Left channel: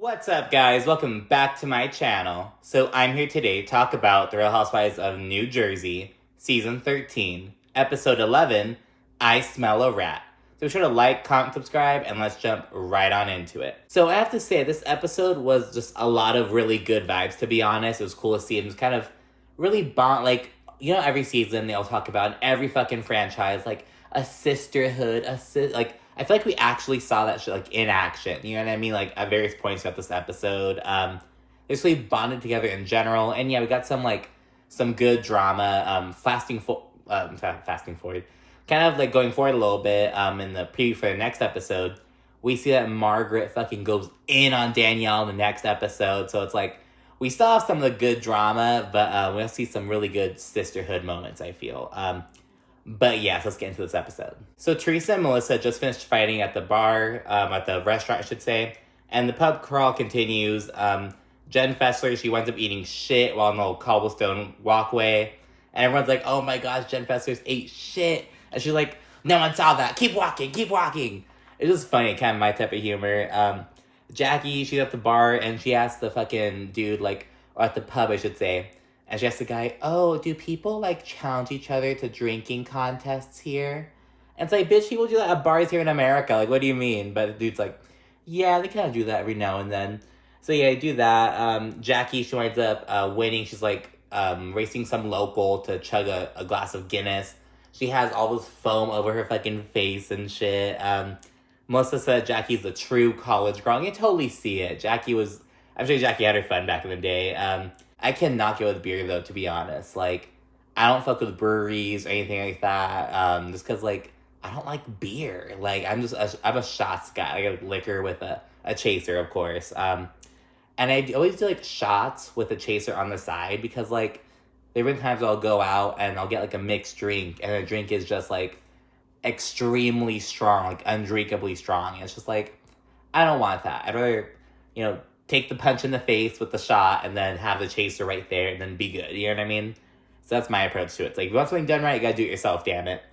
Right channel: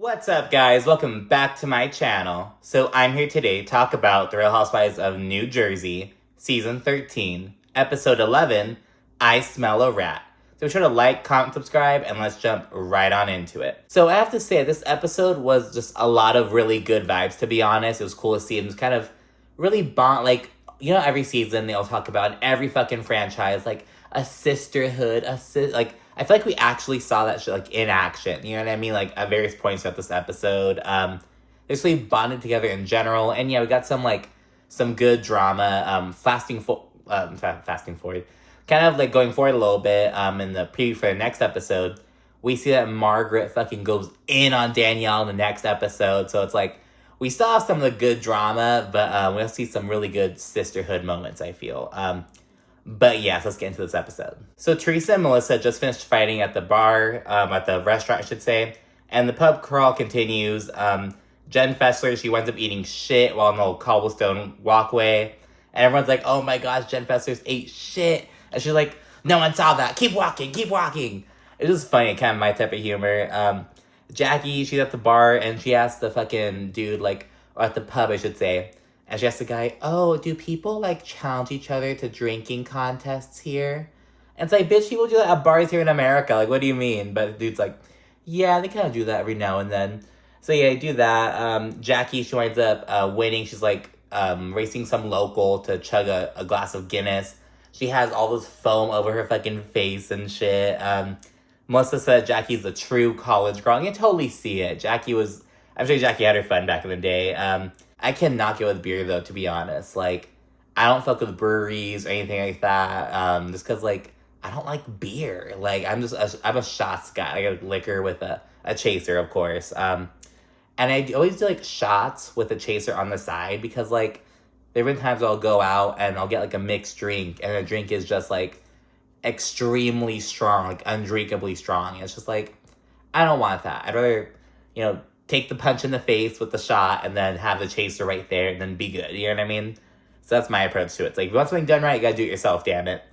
What's up, guys? Welcome back to my channel. So I'm here today to talk about The Real Housewives of New Jersey, Season 13, Episode 11, I Smell a Rat. So be sure to like, comment, subscribe, and let's jump right on into it. So I have to say, this episode was just a lot of really good vibes, to be honest. It was cool to see. It was kind of really like, you know, every season they'll talk about in every fucking franchise, like, a sisterhood, like, I feel like we actually saw that shit, like, in action. You know what I mean? Like, at various points throughout this episode. They just really bonded together in general. And yeah, we got some good drama. Fasting forward. Kind of, like, going forward a little bit, in the preview for the next episode, we see that Margaret fucking goes in on Danielle in the next episode. So it's like, we still have some of the good drama, but we'll see some really good sisterhood moments, I feel. But yes, let's get into this episode. So Teresa and Melissa just finished fighting at the bar, at the restaurant, I should say. And the pub crawl continues. Jenn Fessler, she winds up eating shit while on the old cobblestone walkway. And everyone's like, oh my gosh, Jenn Fessler's ate shit. And she's like, no one saw that. Keep walking, keep walking. It's just funny, kind of my type of humor. Jackie, she's at the bar and she asks the fucking dude, or at the pub, I should say. And she asked the guy, oh, do people, challenge each other to drinking contests here? And it's like, bitch, people do that at bars here in America. Like, what do you mean? But the dude's like, yeah, they kind of do that every now and then. So, yeah, they do that. Jackie, she winds up winning. She's, racing some local to chug a glass of Guinness. She has all this foam over her fucking face and shit. Melissa said Jackie's a true college girl. And you totally see it. I'm sure Jackie had her fun back in the day. I cannot get with beer, though, to be honest. I don't fuck with breweries or anything like that. Just because, I don't like beer. I'm a shots guy. I like liquor with a chaser, of course. And I always do, shots with a chaser on the side because, there have been times I'll go out and I'll get, a mixed drink. And the drink is just, extremely strong, undrinkably strong. And it's just, I don't want that. I'd rather, take the punch in the face with the shot and then have the chaser right there and then be good. You know what I mean? So that's my approach to it. It's if you want something done right, you gotta do it yourself, damn it.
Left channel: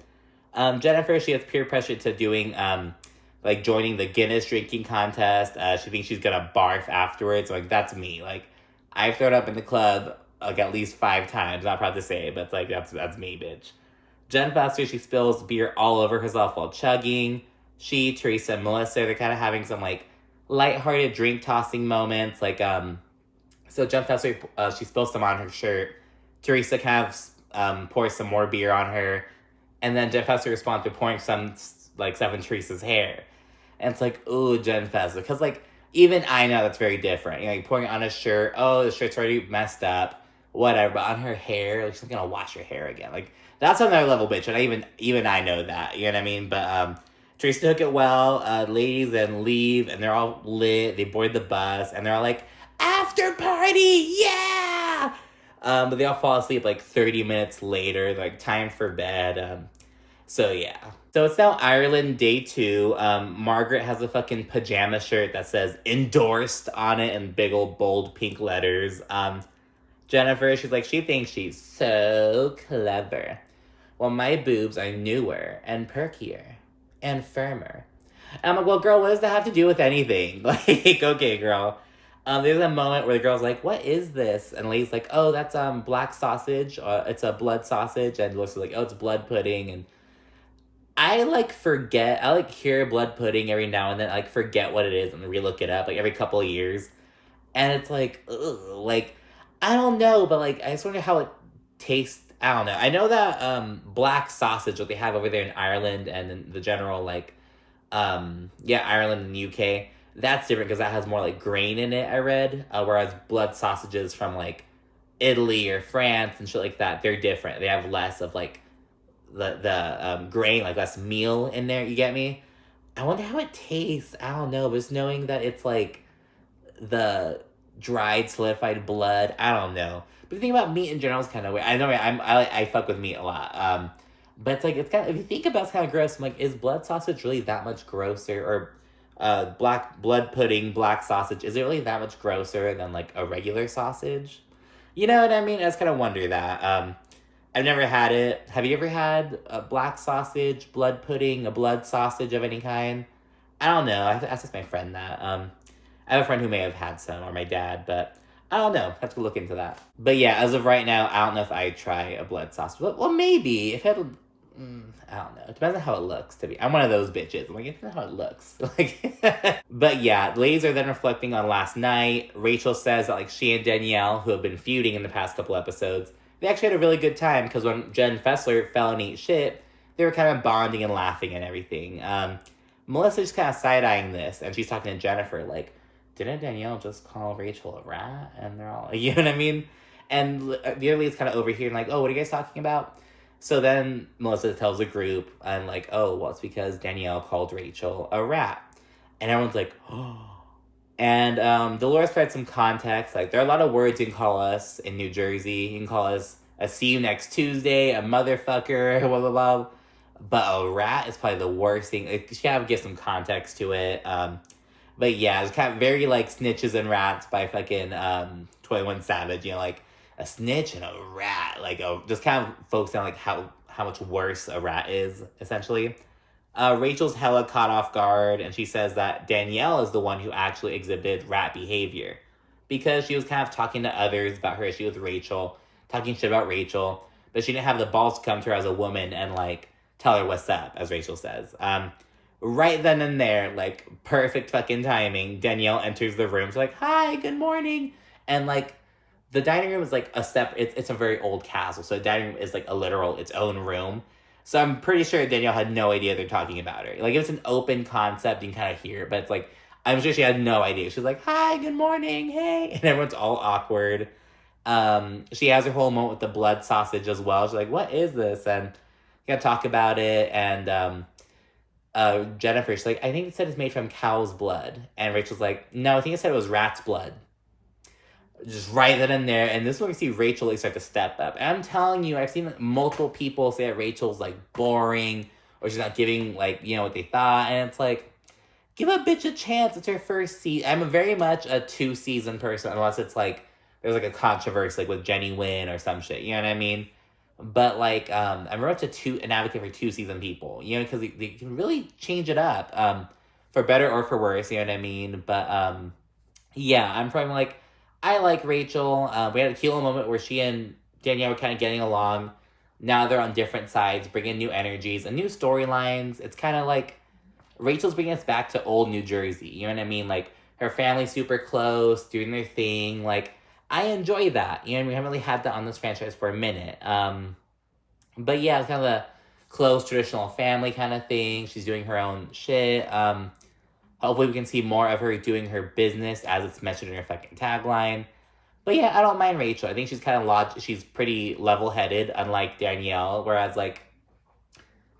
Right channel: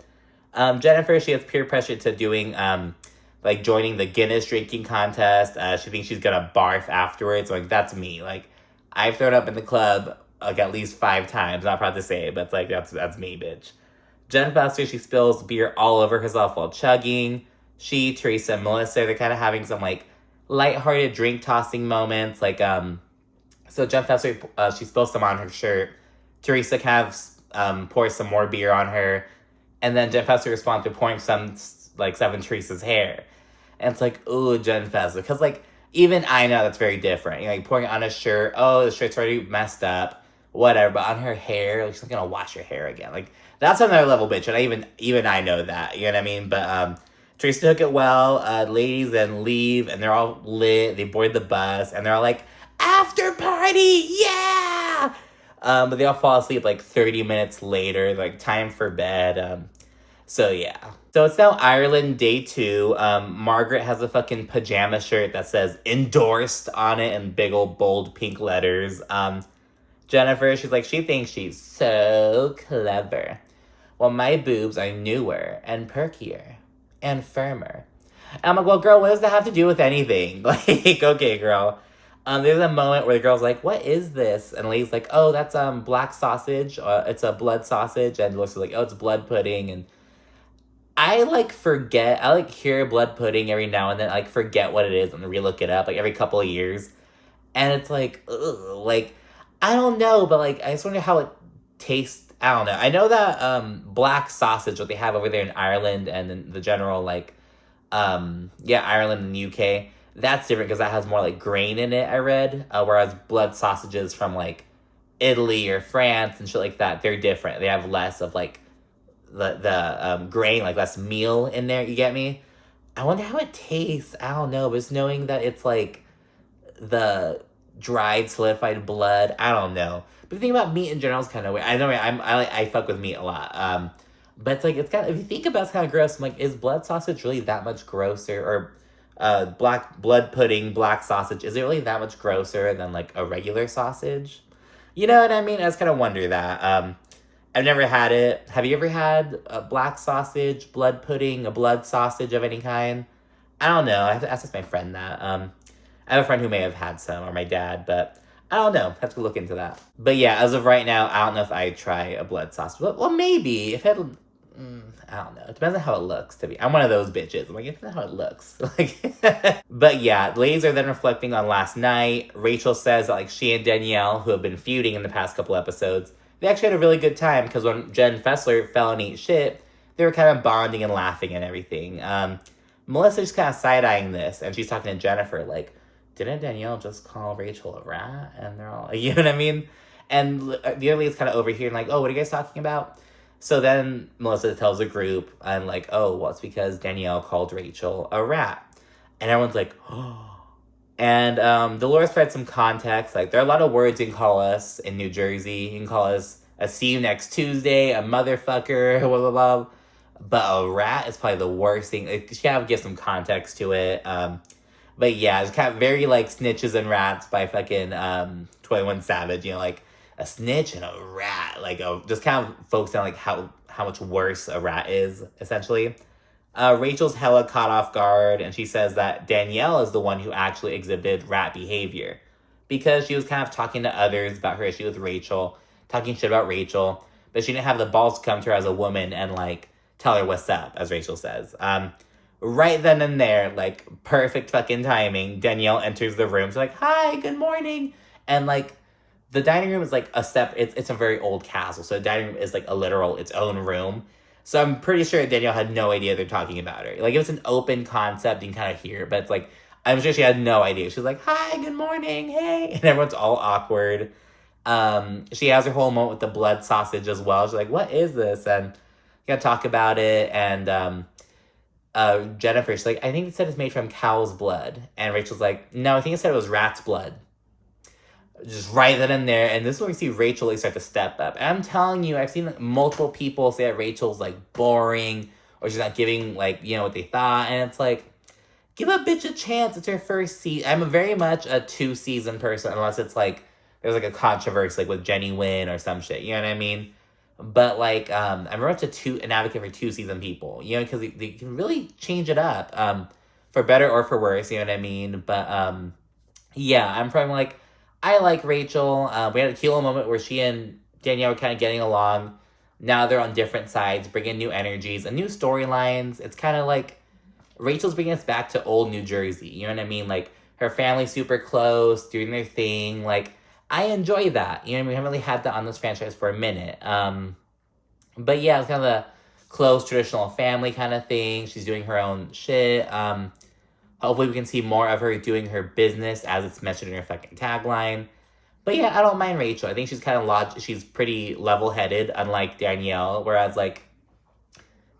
Jennifer, she has peer pressure to doing, joining the Guinness drinking contest. She thinks she's gonna barf afterwards. That's me. I've thrown up in the club, at least 5 times. Not proud to say it, but that's me, bitch. Jenn Fessler, she spills beer all over herself while chugging. She, Teresa, and Melissa, they're kind of having some, lighthearted drink tossing moments. So Jenn Fessler, she spills some on her shirt. Teresa kind of pours some more beer on her. And then Jenn Fessler responds to pouring some, in Teresa's hair. And it's ooh, Jenn Fessler. Because, even I know that's very different. Pouring it on a shirt. Oh, the shirt's already messed up. Whatever. But on her hair, she's not going to wash her hair again. That's another level, bitch. And even I know that. You know what I mean? But, Teresa took it well. Ladies then leave, and they're all lit. They board the bus, and they're all after party, yeah! But they all fall asleep 30 minutes later, time for bed. So yeah. So it's now Ireland day 2. Margaret has a fucking pajama shirt that says endorsed on it in big old bold pink letters. Jennifer, she thinks she's so clever. Well, my boobs are newer and perkier. And firmer. And I'm like, well, girl, what does that have to do with anything? Okay, girl. There's a moment where the girl's like, what is this? And the lady's like, oh, that's black sausage. It's a blood sausage. And Melissa's like, oh, it's blood pudding. And I forget. I hear blood pudding every now and then. I forget what it is and re-look it up every couple of years. And it's ugh, I don't know, but I just wonder how it tastes. I don't know. I know that black sausage, what they have over there in Ireland and in the general, Ireland and the UK, that's different because that has more, grain in it, I read. Whereas blood sausages from, Italy or France and shit like that, they're different. They have less of, the grain, less meal in there, you get me? I wonder how it tastes. I don't know, but just knowing that it's, the dried, solidified blood, I don't know. But the thing about meat in general is kind of weird. I know I fuck with meat a lot. But it's kind of, if you think about it, it's kind of gross. I'm is blood sausage really that much grosser? Or black blood pudding, black sausage, is it really that much grosser than a regular sausage? You know what I mean? I just kind of wonder that. I've never had it. Have you ever had a black sausage, blood pudding, a blood sausage of any kind? I don't know. I have to ask my friend that. I have a friend who may have had some, or my dad, but I don't know. Have to look into that. But yeah, as of right now, I don't know if I'd try a blood sausage. Well, maybe. If it had, I don't know. It depends on how it looks, to be. I'm one of those bitches. I'm like, it depends on how it looks. Like, but yeah, ladies are then reflecting on last night. Rachel says that, like, she and Danielle, who have been feuding in the past couple episodes, they actually had a really good time, because when Jenn Fessler fell and ate shit, they were kind of bonding and laughing and everything. Melissa's kind of side-eyeing this, and she's talking to Jennifer, like, didn't Danielle just call Rachel a rat? And they're all like, you know what I mean? And the other lady's kind of overhearing, like, oh, what are you guys talking about? So then Melissa tells the group, and like, oh, well, it's because Danielle called Rachel a rat. And everyone's like, oh. And Dolores provides some context. Like, there are a lot of words you can call us in New Jersey. You can call us a see you next Tuesday, a motherfucker, blah, blah, blah. But a rat is probably the worst thing. Like, she kind of give some context to it. But yeah, it's kind of very like Snitches and Rats by fucking 21 Savage. You know, like a snitch and a rat. Like, just kind of focusing on like how much worse a rat is, essentially. Rachel's hella caught off guard, and she says that Danielle is the one who actually exhibited rat behavior. Because she was kind of talking to others about her issue with Rachel, talking shit about Rachel, but she didn't have the balls to come to her as a woman and like tell her what's up, as Rachel says. Right then and there, like, perfect fucking timing, Danielle enters the room. She's like, hi, good morning. And, like, the dining room is, like, it's a very old castle. So the dining room is, like, its own room. So I'm pretty sure Danielle had no idea they're talking about her. Like, if it's an open concept, you can kind of hear it. But it's, like, I'm sure she had no idea. She's like, hi, good morning, hey. And everyone's all awkward. She has her whole moment with the blood sausage as well. She's like, what is this? And you gotta talk about it. And, Jennifer, she's like, I think it said it's made from cow's blood. And Rachel's like, no, I think it said it was rat's blood. Just right then and there. And this is when we see Rachel start to step up. And I'm telling you, I've seen multiple people say that Rachel's like boring, or she's not giving like, you know, what they thought. And it's like, give a bitch a chance. It's her first season. I'm very much a 2-season person, unless it's like, there's like a controversy like with Jenny Wynn or some shit. You know what I mean? But, like, I'm very much an advocate for 2-season people, you know, because they can really change it up, for better or for worse, you know what I mean? But, yeah, I'm probably, like, I like Rachel. We had a cute little moment where she and Danielle were kind of getting along. Now they're on different sides, bringing new energies and new storylines. It's kind of like Rachel's bringing us back to old New Jersey, you know what I mean? Like, her family's super close, doing their thing, like, I enjoy that. You know, we haven't really had that on this franchise for a minute. But yeah, it's kind of a close traditional family kind of thing. She's doing her own shit. Hopefully we can see more of her doing her business as it's mentioned in her fucking tagline. But yeah, I don't mind Rachel. I think she's kind of she's pretty level-headed, unlike Danielle. Whereas, like,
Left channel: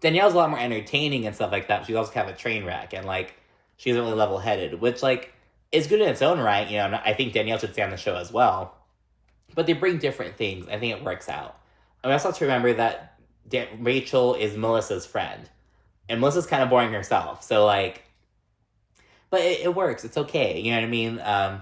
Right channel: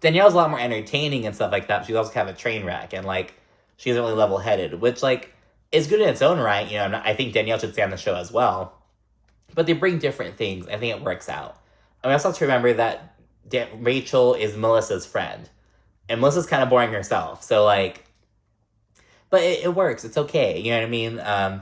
Danielle's a lot more entertaining and stuff like that. She's also kind of a train wreck. And, like, she's really level-headed, which, like, is good in its own right, you know. I think Danielle should stay on the show as well. But they bring different things. I think it works out. And we also have to remember that Rachel is Melissa's friend. And Melissa's kind of boring herself. So, like, but it works. It's okay. You know what I mean?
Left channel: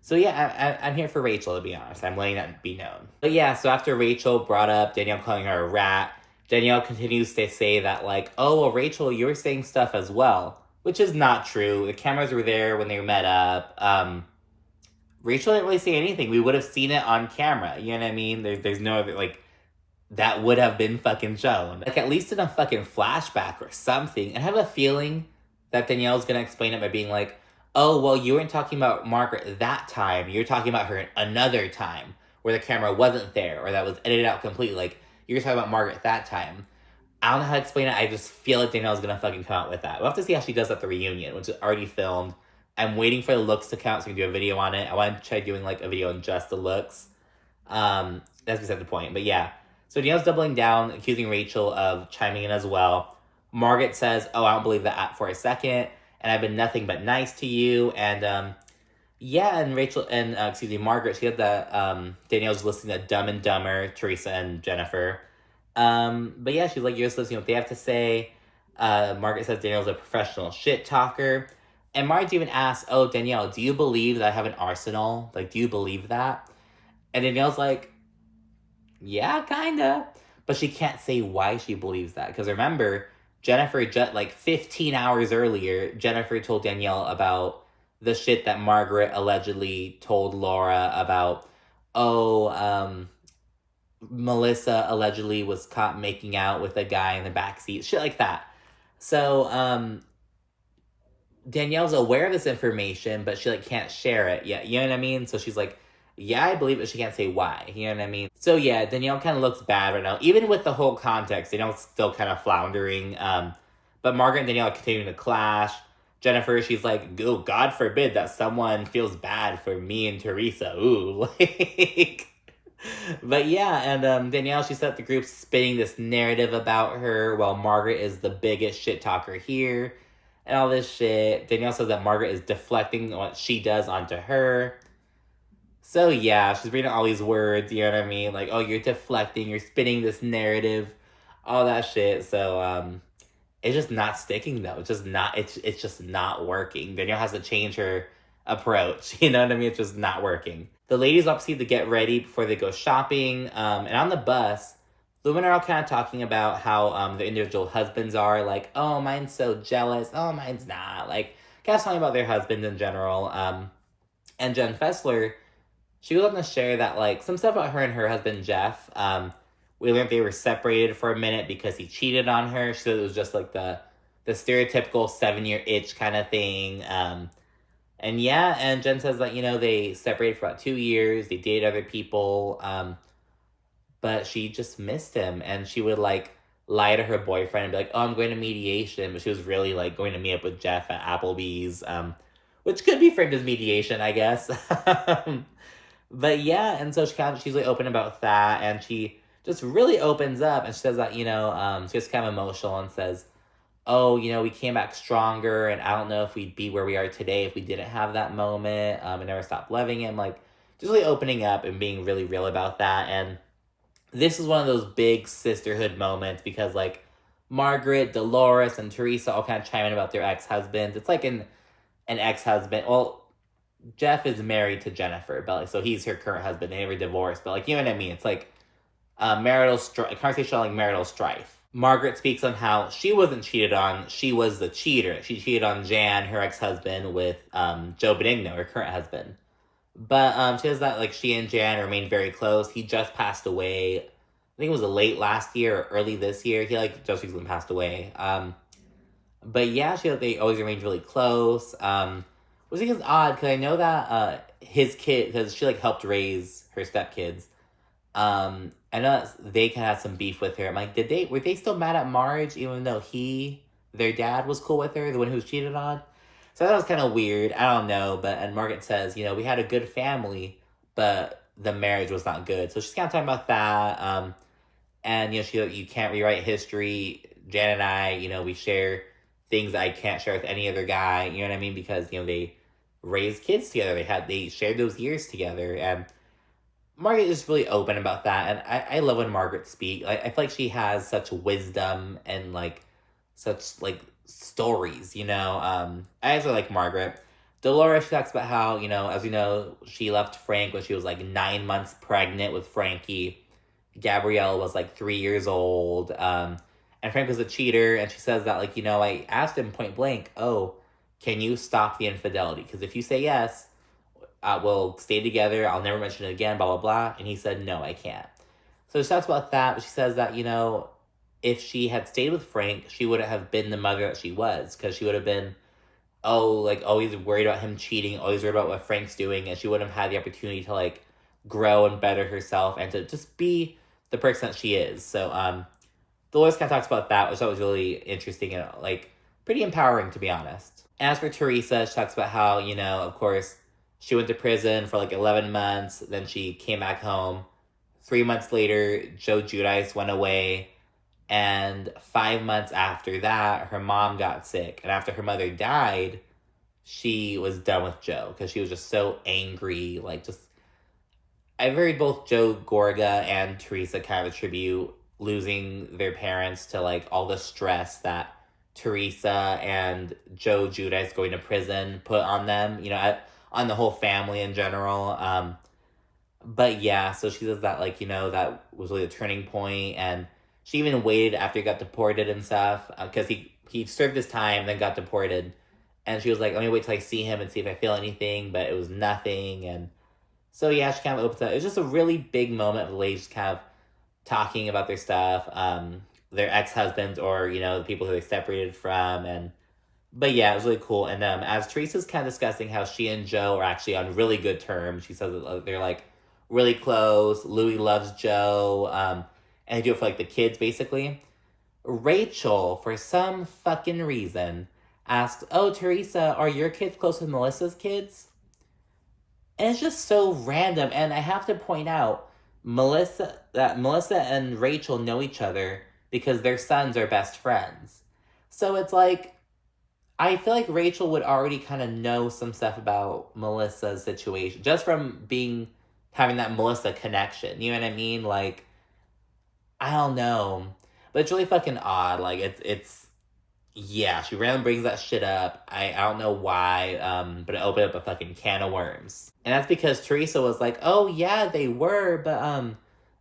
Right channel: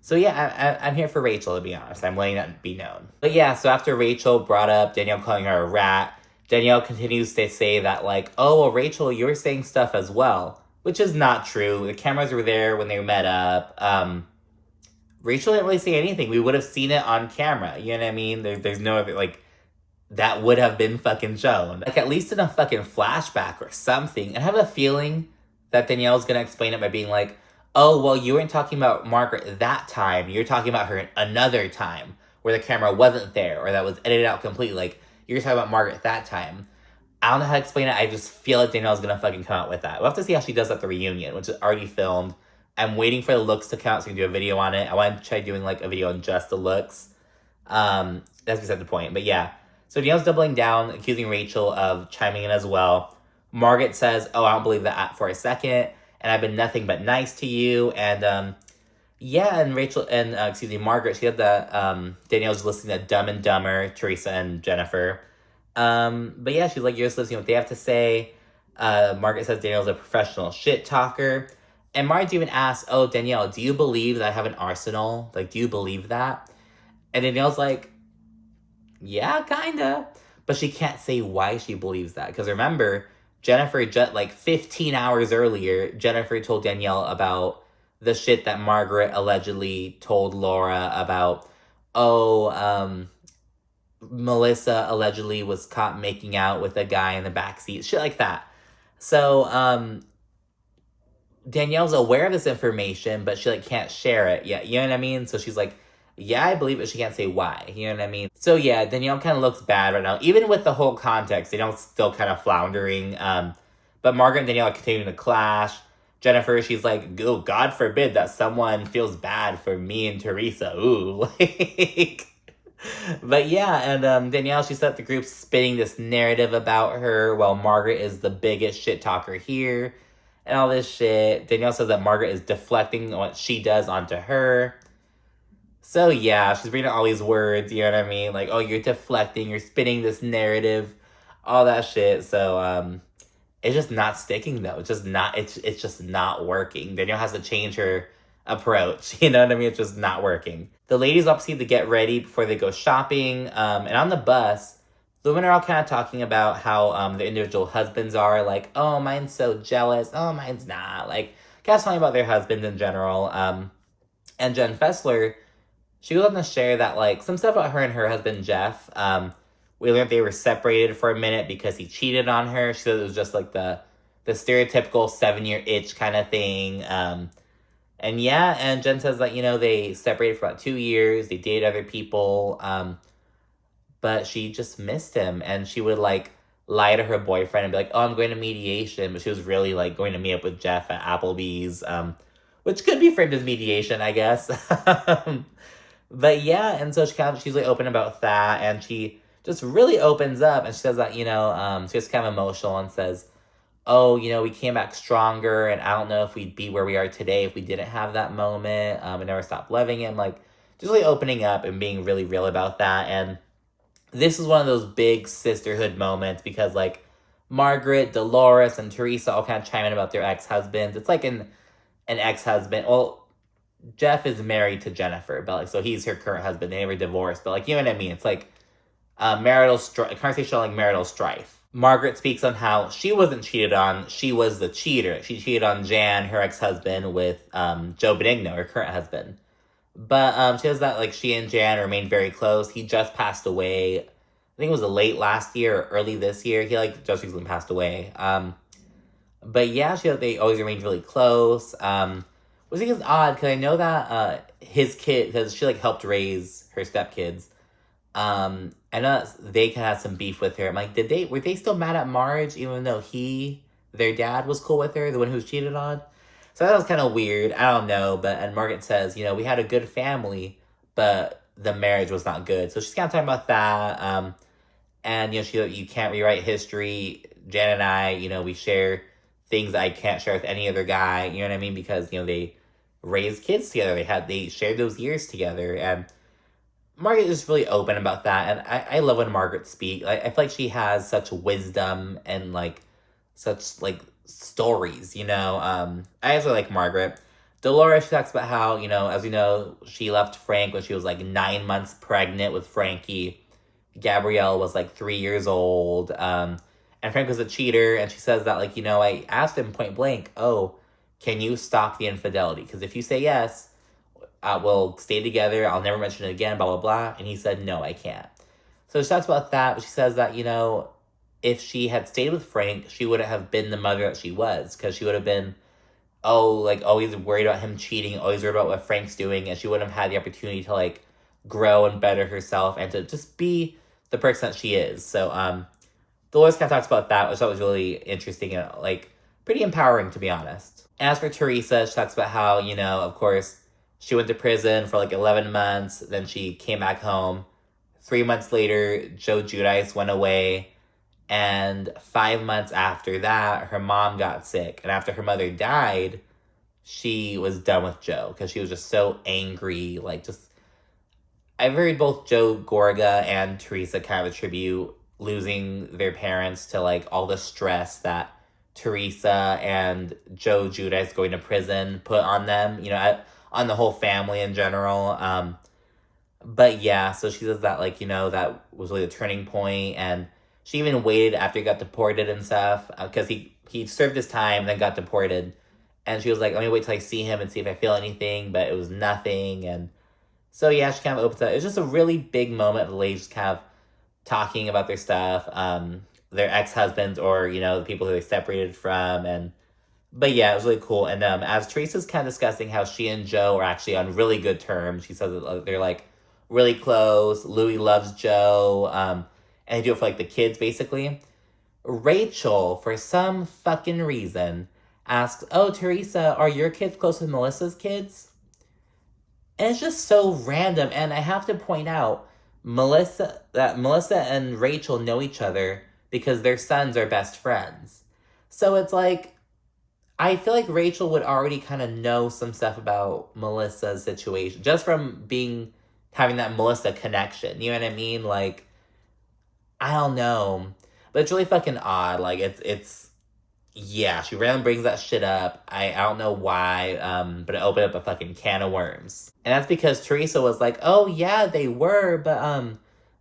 So, yeah, I'm here for Rachel, to be honest. I'm letting that be known. But, yeah, so after Rachel brought up Danielle calling her a rat, Danielle continues to say that, like, oh, well, Rachel, you were saying stuff as well. Which is not true. The cameras were there when they met up. Rachel didn't really say anything. We would have seen it on camera. You know what I mean? There's no other, like, that would have been fucking shown. Like, at least in a fucking flashback or something. And I have a feeling that Danielle's gonna explain it by being like, oh, well, you weren't talking about Margaret that time. You're talking about her another time where the camera wasn't there or that was edited out completely. Like, you're talking about Margaret that time. I don't know how to explain it. I just feel like Danielle's gonna fucking come out with that. We'll have to see how she does at the reunion, which is already filmed. I'm waiting for the looks to count so we can do a video on it. I want to try doing like a video on just the looks. That's beside the point. But yeah. So Danielle's doubling down, accusing Rachel of chiming in as well. Margaret says, oh, I don't believe that for a second. And I've been nothing but nice to you. And yeah, and Rachel, and Margaret, she had the, Danielle's listening to Dumb and Dumber, Teresa and Jennifer. But yeah, she's like, you're just listening to what they have to say. Margaret says Danielle's a professional shit talker. And Marge even asks, oh, Danielle, do you believe that I have an arsenal? Like, do you believe that? And Danielle's like, yeah, kinda. But she can't say why she believes that. Because remember, Jennifer, like 15 hours earlier, Jennifer told Danielle about the shit that Margaret allegedly told Laura about, Melissa allegedly was caught making out with a guy in the backseat, shit like that. So, Danielle's aware of this information, but she, like, can't share it yet, you know what I mean? So she's like, yeah, I believe it, she can't say why, you know what I mean? So yeah, Danielle kind of looks bad right now. Even with the whole context, Danielle's still kind of floundering, but Margaret and Danielle are continuing to clash. Jennifer, she's like, oh, God forbid that someone feels bad for me and Teresa, ooh, like... But yeah, and Danielle, she set the group spinning this narrative about her, while Margaret is the biggest shit talker here, and all this shit. Danielle says that Margaret is deflecting what she does onto her. So yeah, she's reading all these words, you know what I mean? Like, oh, you're deflecting, you're spinning this narrative, all that shit. So, it's just not sticking though. It's just not working. Danielle has to change her approach, you know what I mean? It's just not working. The ladies all proceed to get ready before they go shopping, and on the bus, the women are all kind of talking about how the individual husbands are, like, oh, mine's so jealous, oh, mine's not, like, kind of talking about their husbands in general, and Jenn Fessler, she goes on to share that, like, some stuff about her and her husband, Jeff, we learned they were separated for a minute because he cheated on her. She said it was just, like, the stereotypical 7-year itch kind of thing, and yeah, and Jenn says that, you know, they separated for about 2 years, they dated other people, but she just missed him, and she would, like, lie to her boyfriend and be like, oh, I'm going to mediation, but she was really, like, going to meet up with Jeff at Applebee's, which could be framed as mediation, I guess. But yeah, and so she's, like, open about that, and she just really opens up, and she says that, you know, she's kind of emotional and says, oh, you know, we came back stronger, and I don't know if we'd be where we are today if we didn't have that moment, and never stopped loving him, like, just really opening up and being really real about that, and this is one of those big sisterhood moments, because, like, Margaret, Dolores, and Teresa all kind of chime in about their ex-husbands. It's like an ex-husband, well, Jeff is married to Jennifer, but, like, so he's her current husband, they never divorced, but, like, you know what I mean, it's like, conversation on, like, marital strife. Margaret speaks on how she wasn't cheated on, she was the cheater. She cheated on Jan, her ex-husband, with Joe Benigno, her current husband. But she says that, like, she and Jan remained very close. He just passed away, I think it was late last year or early this year. He, like, just recently passed away. But yeah, they always remained really close. Which I think is odd, because I know that his kid, because she, like, helped raise her stepkids. I know that they kind of had some beef with her. I'm like, were they still mad at Marge, even though their dad was cool with her, the one who was cheated on? So that was kind of weird. I don't know, and Margaret says, you know, we had a good family, but the marriage was not good. So she's kind of talking about that, and, you know, you can't rewrite history. Jan and I, you know, we share things that I can't share with any other guy, you know what I mean? Because, you know, they raised kids together. They shared those years together, and Margaret is really open about that, and I love when Margaret speaks. Like, I feel like she has such wisdom and, like, such, like, stories, you know? I actually like Margaret. Dolores, she talks about how, you know, as we know, she left Frank when she was, like, 9 months pregnant with Frankie. Gabrielle was, like, 3 years old, and Frank was a cheater, and she says that, like, you know, I asked him point blank, oh, can you stop the infidelity? Because if you say yes, we'll stay together, I'll never mention it again, blah, blah, blah. And he said, no, I can't. So she talks about that, but she says that, you know, if she had stayed with Frank, she wouldn't have been the mother that she was, because she would have been, like, always worried about him cheating, always worried about what Frank's doing, and she wouldn't have had the opportunity to, like, grow and better herself, and to just be the person that she is. So, Dolores kind of talks about that, which I thought was really interesting and, like, pretty empowering, to be honest. And as for Teresa, she talks about how, you know, of course, she went to prison for, like, 11 months, then she came back home. 3 months later, Joe Giudice went away, and 5 months after that, her mom got sick. And after her mother died, she was done with Joe, because she was just so angry, like, just... I've heard both Joe Gorga and Teresa kind of attribute losing their parents to, like, all the stress that Teresa and Joe Giudice going to prison put on them, you know, on the whole family in general. But yeah, so she says that, like, you know, that was really a turning point, and she even waited after he got deported and stuff, because he served his time, then got deported, And she was like, let me wait till I see him and see if I feel anything, but it was nothing. And so, yeah, she kind of opens up. It was just a really big moment of the ladies kind of talking about their stuff, their ex-husbands or, you know, the people who they separated from. But yeah, it was really cool. And as Teresa's kind of discussing how she and Joe are actually on really good terms, she says that they're like really close. Louis loves Joe, and they do it for like the kids, basically. Rachel, for some fucking reason, asks, "Oh, Teresa, are your kids close with Melissa's kids?" And it's just so random. And I have to point out, Melissa and Rachel know each other because their sons are best friends. So it's like, I feel like Rachel would already kind of know some stuff about Melissa's situation just from having that Melissa connection. You know what I mean? Like, I don't know, but it's really fucking odd. Like, yeah, she randomly brings that shit up. I don't know why, but it opened up a fucking can of worms. And that's because Teresa was like, oh yeah, they were, but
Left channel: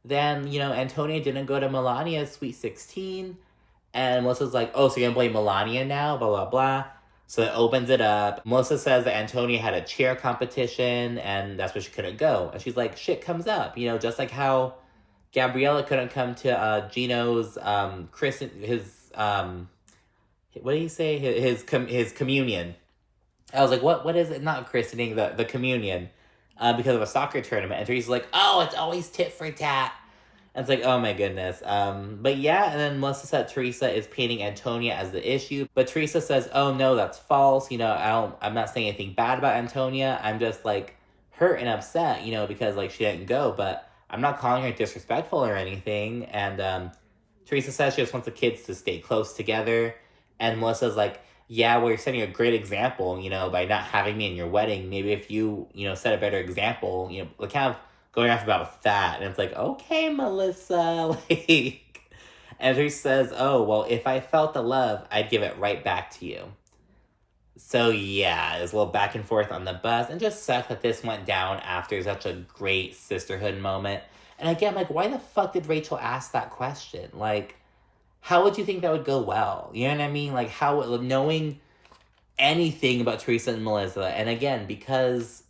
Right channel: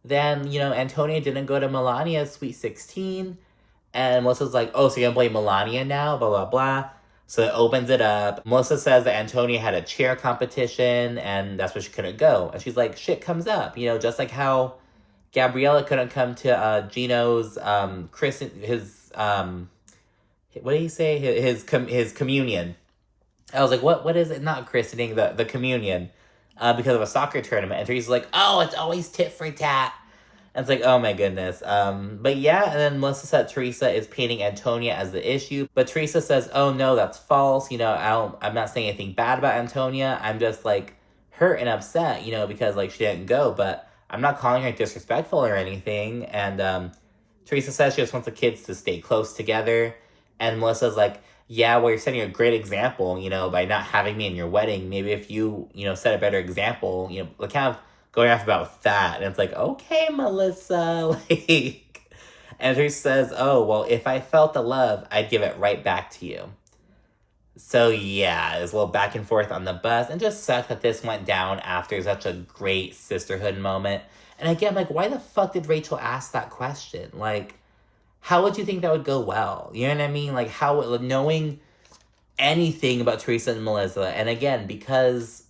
then, you know, Antonia didn't go to Melania's Sweet 16. And Melissa's like, oh, so you're gonna blame Melania now? Blah, blah, blah. So it opens it up. Melissa says that Antonia had a cheer competition, and that's where she couldn't go. And she's like, shit comes up. You know, just like how Gabriella couldn't come to Gino's, what did he say? His communion. I was like, what is it? Not christening, the communion. Because of a soccer tournament. And Teresa's like, oh, it's always tit for tat. And it's like, oh my goodness. But yeah, and then Melissa said Teresa is painting Antonia as the issue. But Teresa says, oh no, that's false. You know, I'm not saying anything bad about Antonia. I'm just like hurt and upset, you know, because like she didn't go. But I'm not calling her disrespectful or anything. And Teresa says she just wants the kids to stay close together. And Melissa's like, yeah, well, you're setting a great example, you know, by not having me in your wedding. Maybe if you, you know, set a better example, you know, like kind of going off about that. And it's like, okay, Melissa, like, and Teresa says, oh, well, if I felt the love, I'd give it right back to you. So yeah, there's a little back and forth on the bus, and just sucks that this went down after such a great sisterhood moment. And again, like, why the fuck did Rachel ask that question? Like, how would you think that would go well? You know what I mean? Like, knowing anything about Teresa and Melissa, and again, because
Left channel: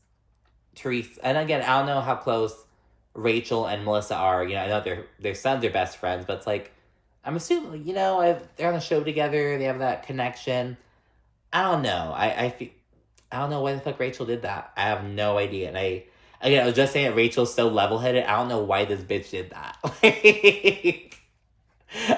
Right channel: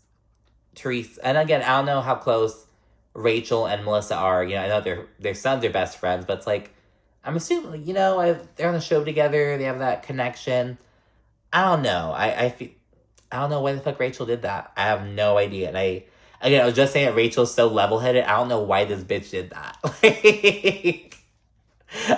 Teresa, and again, I don't know how close Rachel and Melissa are. You know, I know their sons are best friends, but it's like, I'm assuming, you know, they're on the show together, they have that connection. I don't know. I don't know why the fuck Rachel did that. I have no idea. And I was just saying that Rachel's so level-headed. I don't know why this bitch did that. Like,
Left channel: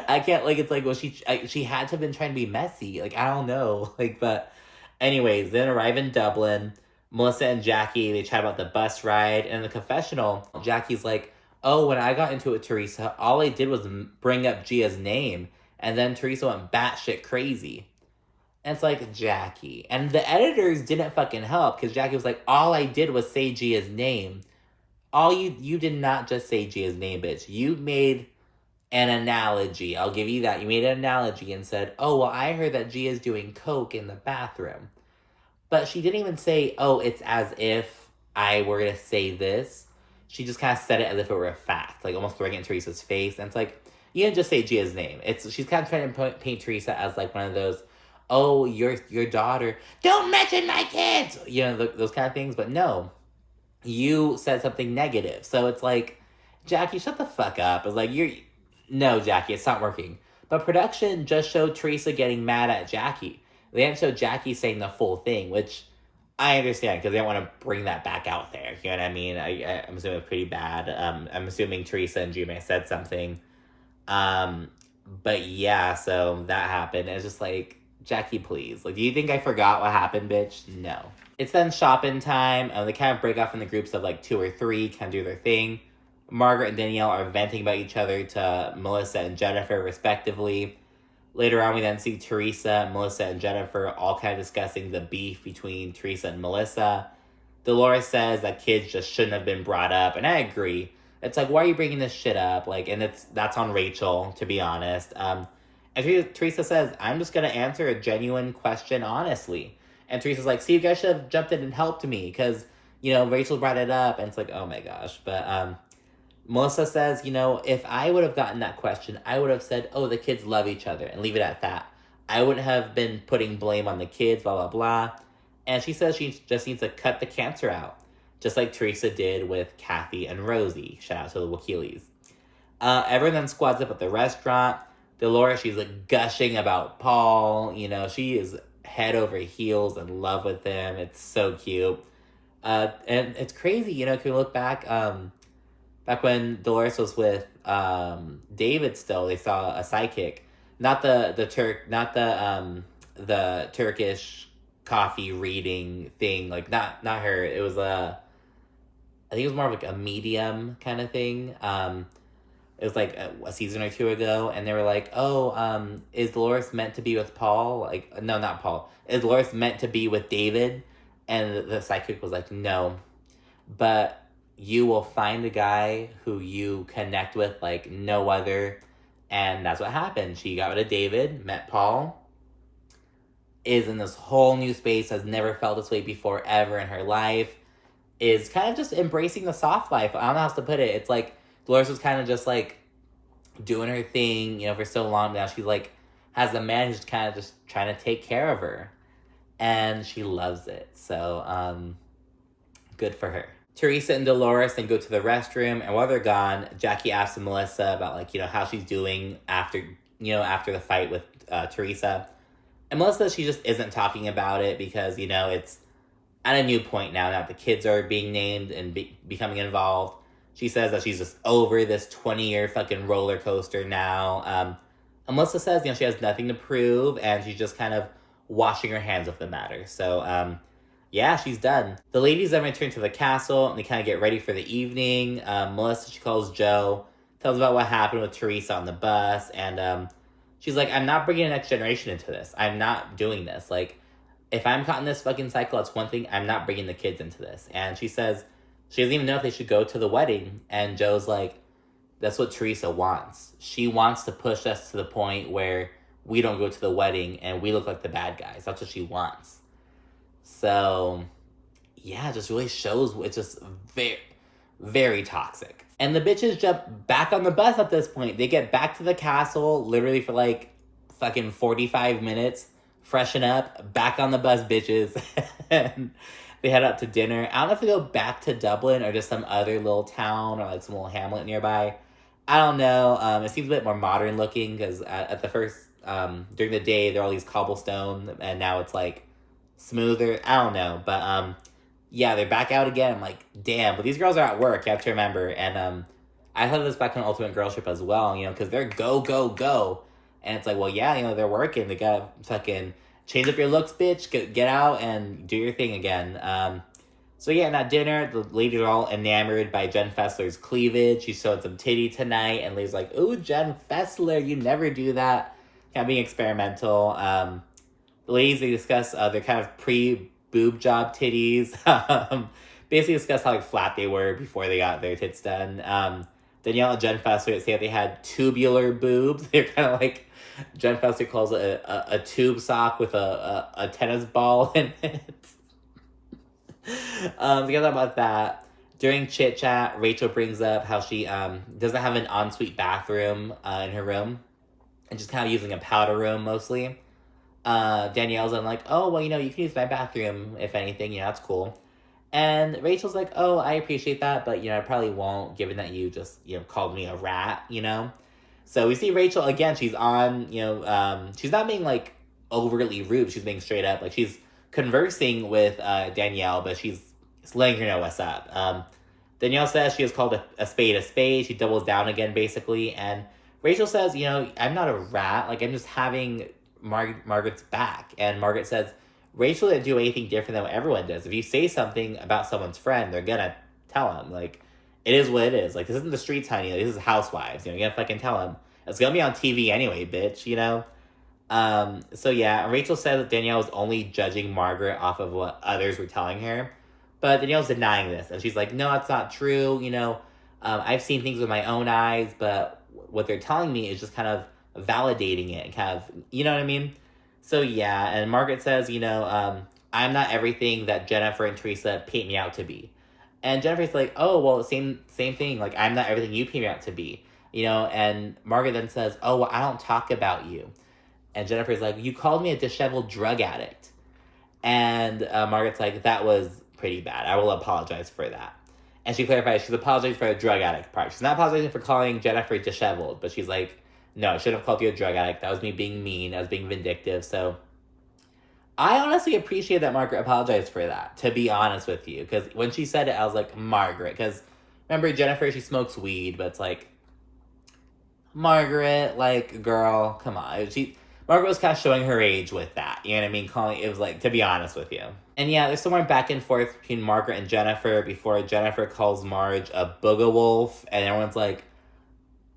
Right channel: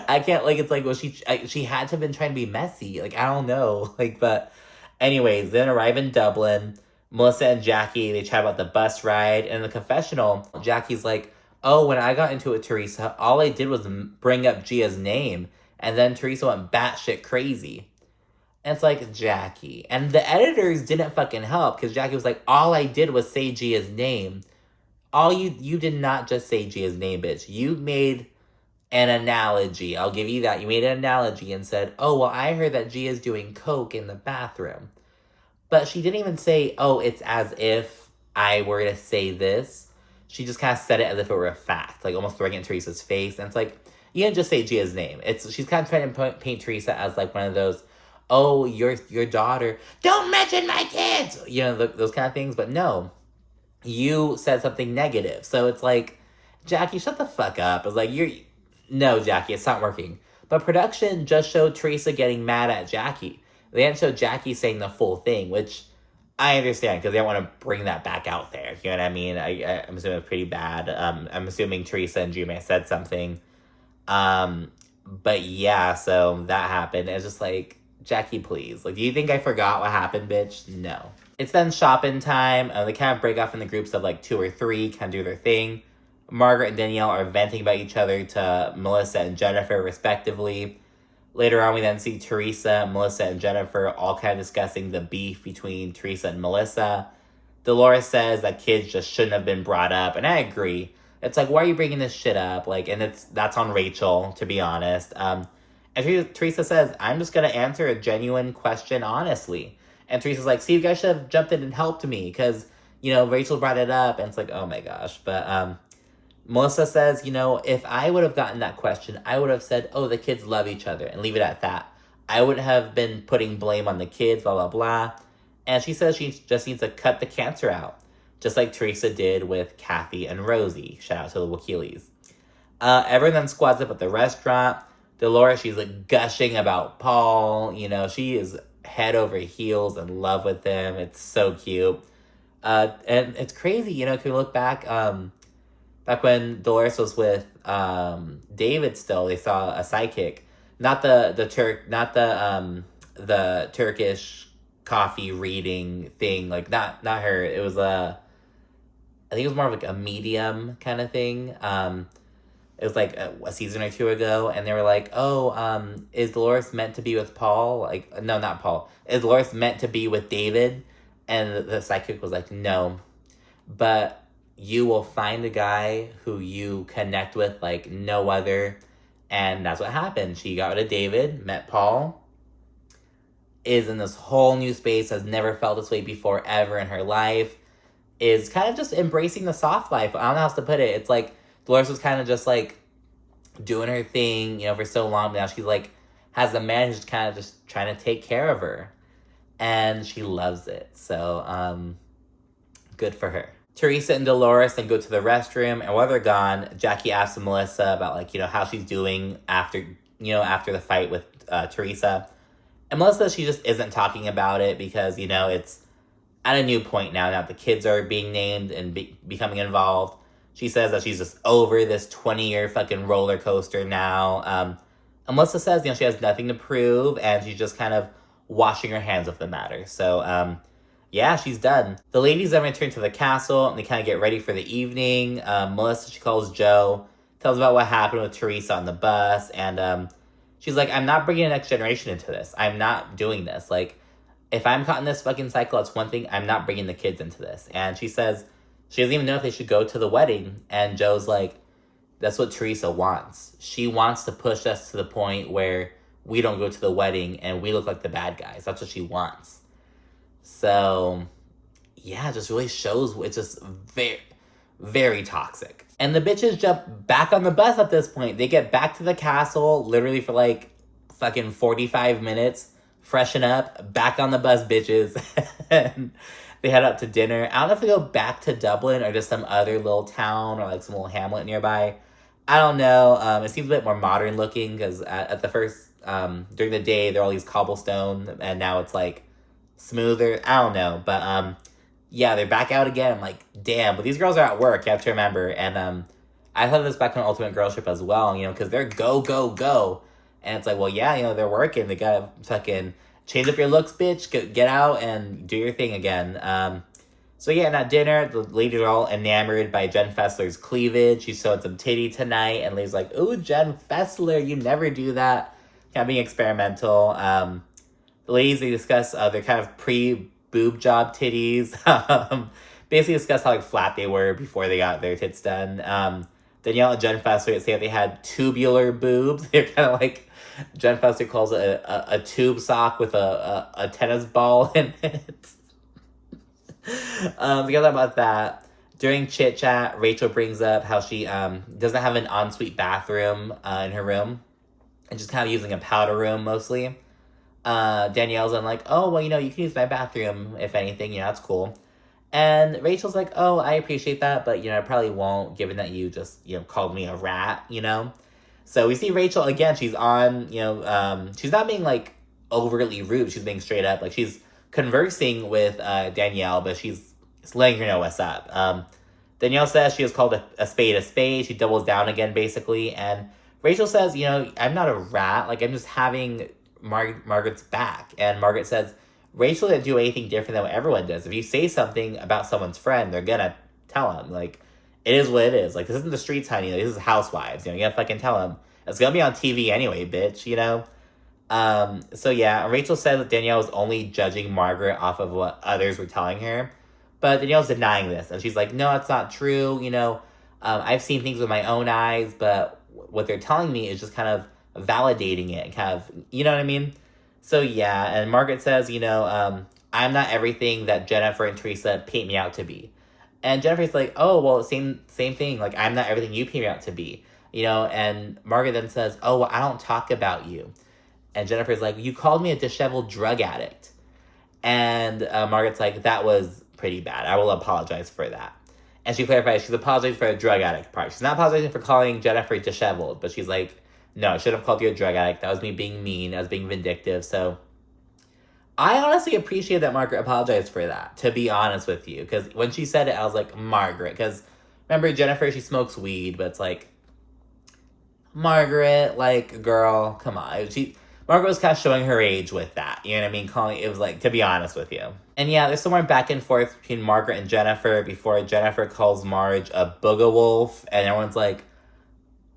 I can't, like, it's like, well, she had to have been trying to be messy. Like, I don't know. Like, but anyways, then arrive in Dublin. Melissa and Jackie, they chat about the bus ride. And in the confessional, Jackie's like, oh, when I got into it with Teresa, all I did was bring up Gia's name. And then Teresa went batshit crazy. And it's like, Jackie. And the editors didn't fucking help, because Jackie was like, all I did was say Gia's name. You did not just say Gia's name, bitch. You made an analogy. I'll give you that. You made an analogy and said, oh, well, I heard that Gia's doing coke in the bathroom. But she didn't even say, oh, it's as if I were to say this. She just kind of said it as if it were a fact, like almost throwing it in Teresa's face. And it's like, you didn't just say Gia's name. She's kind of trying to paint Teresa as like one of those, oh, your daughter, don't mention my kids, you know, those kind of things. But no, you said something negative. So it's like, Jackie, shut the fuck up. It's like, no, Jackie, it's not working. But production just showed Teresa getting mad at Jackie. They didn't show Jackie saying the full thing, which I understand, because they don't want to bring that back out there. You know what I mean? I'm assuming it's pretty bad. I'm assuming Teresa and Gia may have said something. But yeah, so that happened. It's just like, Jackie, please. Like, do you think I forgot what happened, bitch? No. It's then shopping time. They kind of break off in the groups of like 2 or 3, kind of do their thing. Margaret and Danielle are venting about each other to Melissa and Jennifer, respectively. Later on, we then see Teresa, Melissa, and Jennifer all kind of discussing the beef between Teresa and Melissa. Dolores says that kids just shouldn't have been brought up, and I agree. It's like, why are you bringing this shit up? Like, and that's on Rachel, to be honest. And Teresa says, I'm just going to answer a genuine question honestly. And Teresa's like, see, you guys should have jumped in and helped me, because, you know, Rachel brought it up. And it's like, oh my gosh. But Melissa says, you know, if I would have gotten that question, I would have said, oh, the kids love each other, and leave it at that. I wouldn't have been putting blame on the kids, blah, blah, blah. And she says she just needs to cut the cancer out, just like Teresa did with Kathy and Rosie. Shout out to the Wakilis. Everyone then squads up at the restaurant. Dolores, she's like gushing about Paul. You know, she is head over heels in love with him. It's so cute. And it's crazy, you know, if you look back, back when Dolores was with David still, they saw a sidekick. Not the Turkish coffee reading thing, like not her. It was I think it was more of like a medium kind of thing. It was like a season or two ago, and they were like, oh, is Dolores meant to be with Paul? Like, no, not Paul. Is Dolores meant to be with David? And the sidekick was like, no, but you will find a guy who you connect with like no other. And that's what happened. She got rid of David, met Paul, is in this whole new space, has never felt this way before ever in her life, is kind of just embracing the soft life. I don't know how else to put it. It's like Dolores was kind of just like doing her thing, you know, for so long. Now she's like, has a man who's kind of just trying to take care of her. And she loves it. So, good for her. Teresa and Dolores then go to the restroom, and while they're gone, Jackie asks Melissa about, like, you know, how she's doing after the fight with Teresa. And Melissa, she just isn't talking about it because, you know, it's at a new point now. Now the kids are being named and becoming involved. She says that she's just over this 20-year fucking roller coaster now. And Melissa says, you know, she has nothing to prove, and she's just kind of washing her hands of the matter. So, yeah, she's done. The ladies then return to the castle, and they kind of get ready for the evening. Melissa, she calls Joe, tells about what happened with Teresa on the bus, and she's like, I'm not bringing the next generation into this. I'm not doing this. Like, if I'm caught in this fucking cycle, that's one thing. I'm not bringing the kids into this. And she says she doesn't even know if they should go to the wedding. And Joe's like, that's what Teresa wants. She wants to push us to the point where we don't go to the wedding and we look like the bad guys. That's what she wants. So, yeah, it just really shows it's just very, very toxic. And the bitches jump back on the bus at this point. They get back to the castle literally for like fucking 45 minutes, freshen up, back on the bus, bitches. And they head out to dinner. I don't know if they go back to Dublin or just some other little town or like some little hamlet nearby. I don't know. It seems a bit more modern looking because at the first, during the day, there are all these cobblestone and now it's like smoother. I don't know. But yeah, they're back out again. I'm like, damn. But these girls are at work, you have to remember. And I thought this back on Ultimate Girl Trip as well, you know, because they're go, go, go. And it's like, well, yeah, you know, they're working. They gotta fucking change up your looks, bitch. Get out and do your thing again. So yeah, and at dinner, the ladies are all enamored by Jenn Fessler's cleavage. She showed some titty tonight, and Lady's like, ooh, Jenn Fessler, you never do that. Kind of being experimental. The ladies, they discuss their kind of pre-boob job titties. Basically discuss how like flat they were before they got their tits done. Danielle and Jenn Fessler say that they had tubular boobs. They're kind of like, Jenn Fessler calls it a tube sock with a tennis ball in it. Together about that. During chit chat, Rachel brings up how she doesn't have an ensuite bathroom in her room, and just kind of using a powder room mostly. Danielle's like, oh, well, you know, you can use my bathroom if anything, you know, that's cool. And Rachel's like, oh, I appreciate that, but, you know, I probably won't, given that you just, you know, called me a rat, you know? So we see Rachel, again, she's on, you know, she's not being, like, overtly rude, she's being straight up. Like, she's conversing with Danielle, but she's letting her know what's up. Danielle says she has called a spade a spade. She doubles down again, basically. And Rachel says, you know, I'm not a rat. Like, I'm just having Margaret's back. And Margaret says, Rachel didn't do anything different than what everyone does. If you say something about someone's friend, they're gonna tell them. Like, it is what it is. Like, this isn't the streets, honey. This is Housewives. You know, you gotta fucking tell them. It's gonna be on TV anyway, bitch, you know? So yeah, Rachel said that Danielle was only judging Margaret off of what others were telling her. But Danielle's denying this. And she's like, no, that's not true. You know, I've seen things with my own eyes, but what they're telling me is just kind of validating it and kind of, you know what I mean? So yeah, and Margaret says, you know, I'm not everything that Jennifer and Teresa paint me out to be. And Jennifer's like, oh, well, same thing. Like, I'm not everything you paint me out to be, you know? And Margaret then says, oh, well, I don't talk about you. And Jennifer's like, you called me a disheveled drug addict. And Margaret's like, that was pretty bad. I will apologize for that. And she clarifies she's apologizing for the drug addict part. She's not apologizing for calling Jennifer disheveled, but she's like, no, I should have called you a drug addict. That was me being mean. I was being vindictive. So I honestly appreciate that Margaret apologized for that, to be honest with you. Because when she said it, I was like, Margaret. Because remember, Jennifer, she smokes weed, but it's like, Margaret, like, girl, come on. Margaret was kind of showing her age with that. You know what I mean? It was like, to be honest with you. And yeah, there's somewhere back and forth between Margaret and Jennifer before Jennifer calls Marge a booga wolf. And everyone's like,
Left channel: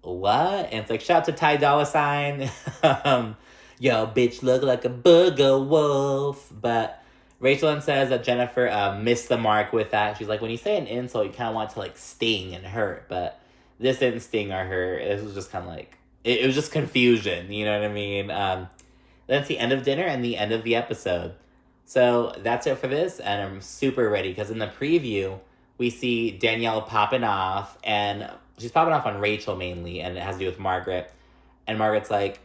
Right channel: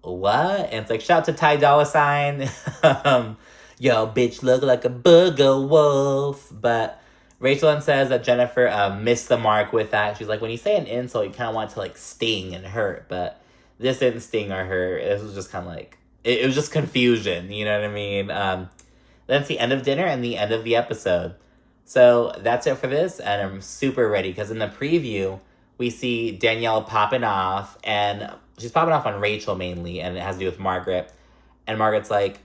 what? And it's like, shout out to Ty Dolla $ign. Yo, bitch, look like a booga wolf. But Rachel then says that Jennifer missed the mark with that. She's like, when you say an insult, you kind of want it to, like, sting and hurt. But this didn't sting or hurt. This was just kind of like, it was just confusion. You know what I mean? That's the end of dinner and the end of the episode. So that's it for this. And I'm super ready because in the preview, we see Danielle popping off. And she's popping off on Rachel mainly. And it has to do with Margaret. And Margaret's like,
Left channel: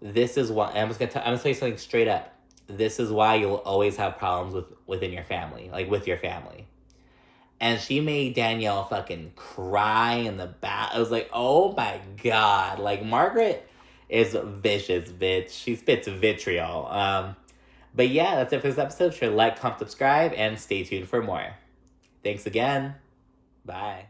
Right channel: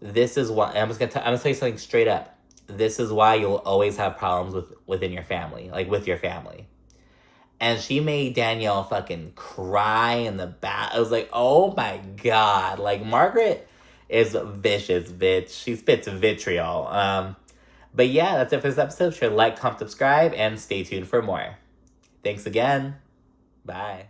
this is why, I'm gonna tell you something straight up. This is why you'll always have problems within your family, like with your family. And she made Danielle fucking cry in the back. I was like, oh my God. Like, Margaret is vicious, bitch. She spits vitriol. But yeah, that's it for this episode. Sure to like, comment, subscribe, and stay tuned for more. Thanks again. Bye.